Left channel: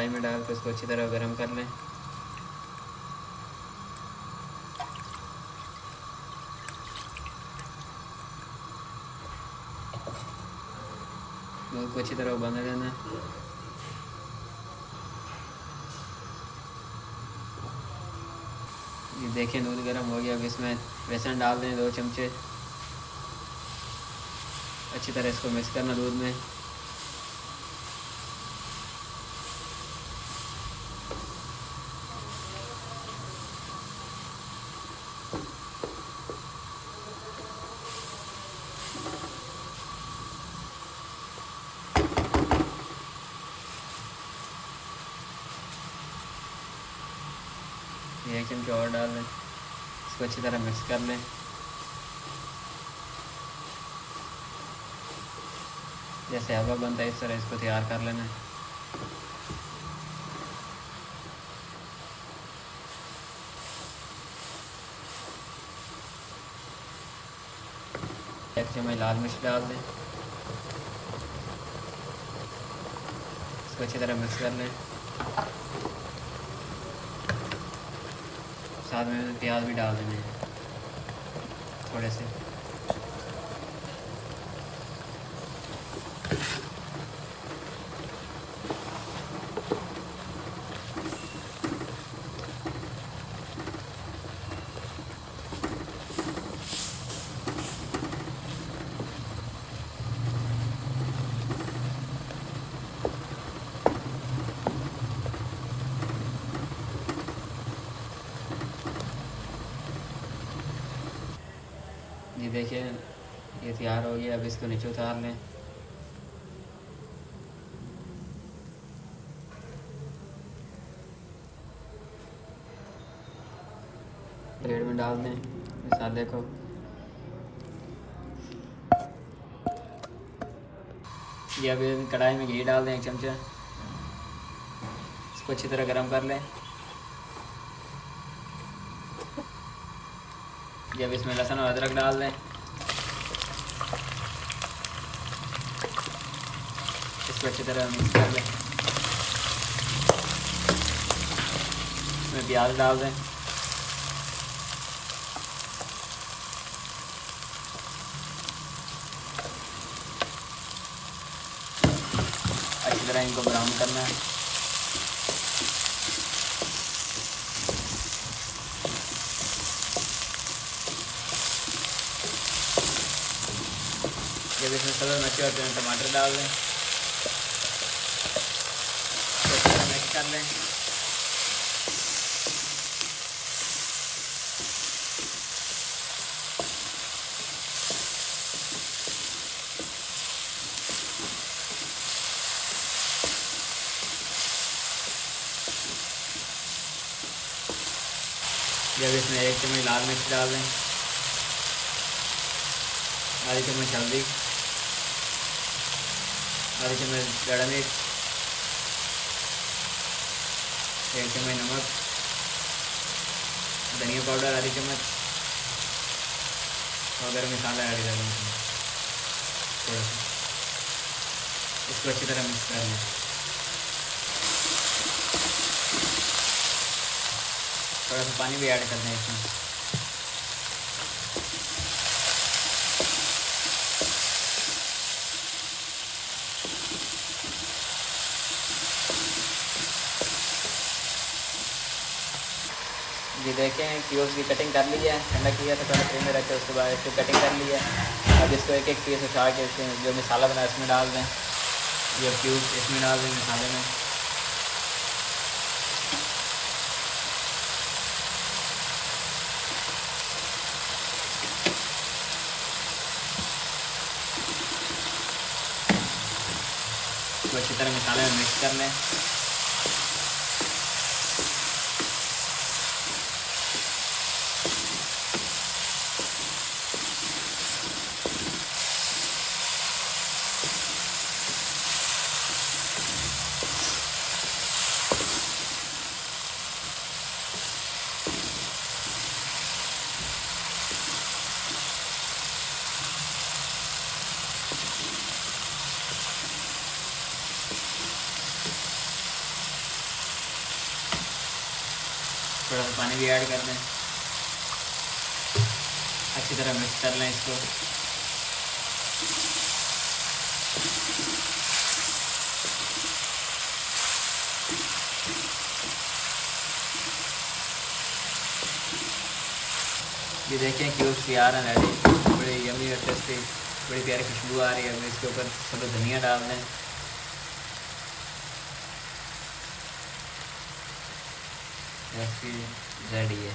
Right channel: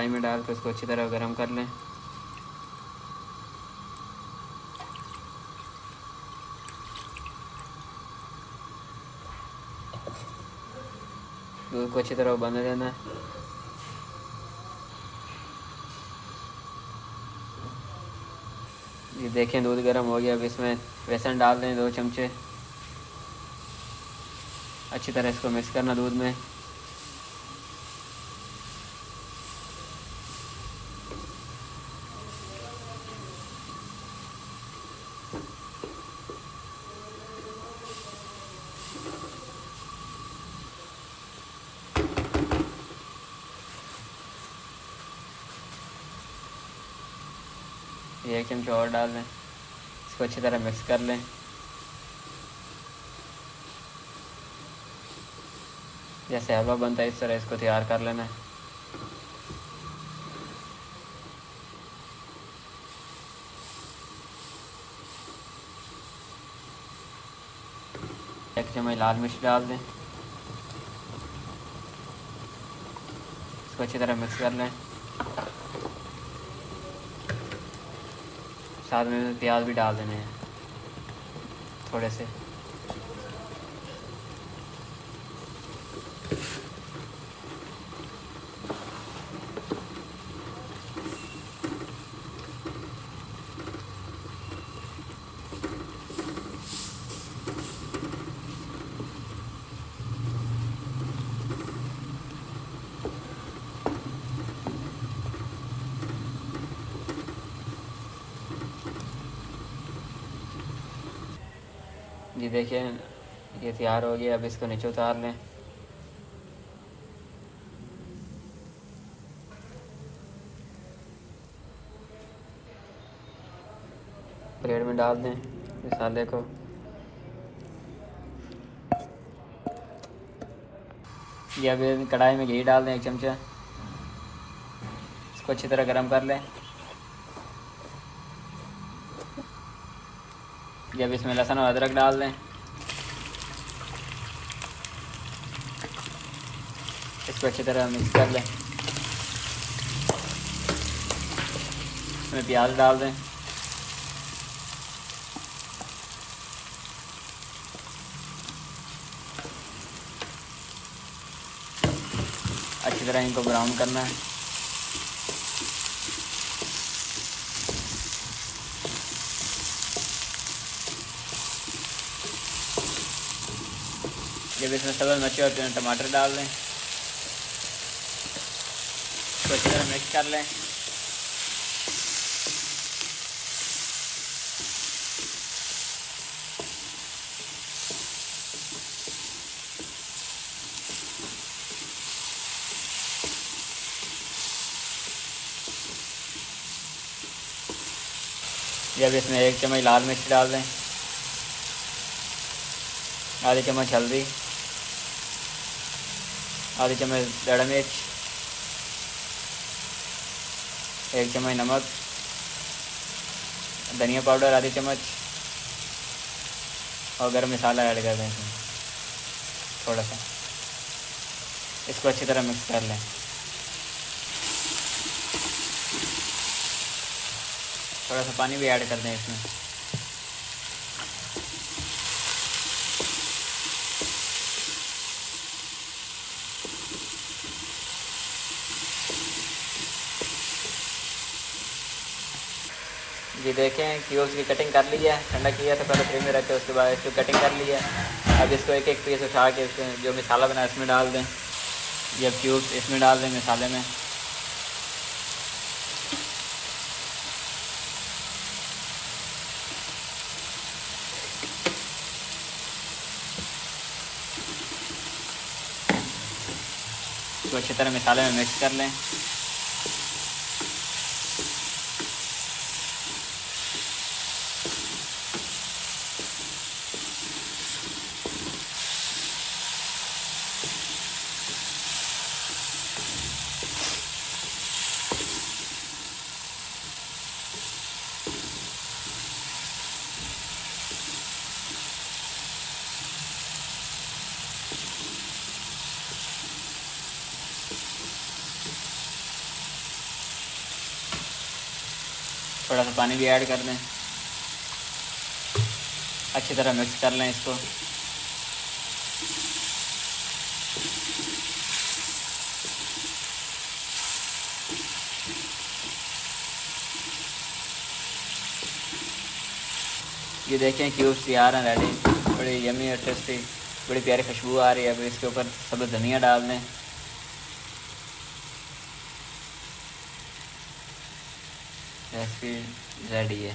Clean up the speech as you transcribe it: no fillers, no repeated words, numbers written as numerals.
कढ़ाई में डाल के उसको अच्छी तरह गर्म कर लें। दूध को अच्छी तरह उबलने देना। ये देखें दूध गर्म हो गया। अब इसमें बेसन डाल दें 2 चमचे। अच्छी तरह इसको मिक्स करना दूध में। ये 1 चमचा और डाल दें। इसको अच्छी तरह मिक्स कर लें। जैसे हलवा बनता है इस तरह इसको तैयार कर लेना है। एक चम्मच लाल मिर्च डाल दें। इसको अच्छी तरह मिक्स कर लें। साथ में प्याज भी डाल देने हैं थोड़े से। ये देखिए ये तैयार हो गया। अब इसको नीचे उतार लें। प्लेट में डाल दें मसाले को। ये अब कढ़ाई में घी डाल दें 1 चमचा। इसको अच्छी तरह गरम कर लें। जब इसमें लहसुन और अदरक डाल दें। इसको अच्छी तरह मिक्स कर लें। इसमें प्याज डाल दें। अच्छी तरह इनको ब्राउन करना है। जब इसमें सब्ज़ मिर्ची और टमाटर डाल दें तो अच्छी तरह मिक्स कर लें। जब इसमें 1 चम्मच लाल मिर्च डाल दें। आधी चम्मच हल्दी। आधी चम्मच दड़ा मिर्च। 1 चम्मच नमक। धनिया पाउडर आधी चम्मच और गरम मसाला ऐड कर दें थोड़ा सा। इसको अच्छी तरह मिक्स कर लें। थोड़ा सा पानी भी ऐड कर दें इसमें। ये देखें क्यूब्स की कटिंग कर ली है। ठंडा किया था पहले फ्रिज में रखे, उसके बाद इसको कटिंग कर ली है। अब इसको एक एक पीस उठा के इसमें जो मसाला बना इसमें डाल दें। ये क्यूब्स इसमें डाल दें मसाले में। इसको अच्छी तरह मसाले में मिक्स कर लें। थोड़ा सा पानी भी ऐड कर दें, अच्छी तरह मिक्स कर लें इसको। ये देखें क्यूब्स तैयार हैं, रेडी, बड़ी यमी और टेस्टी, बड़ी प्यारी खुशबू आ रही है। अब इसके ऊपर सब धनिया डाल दें। रेसिपी रेडी है।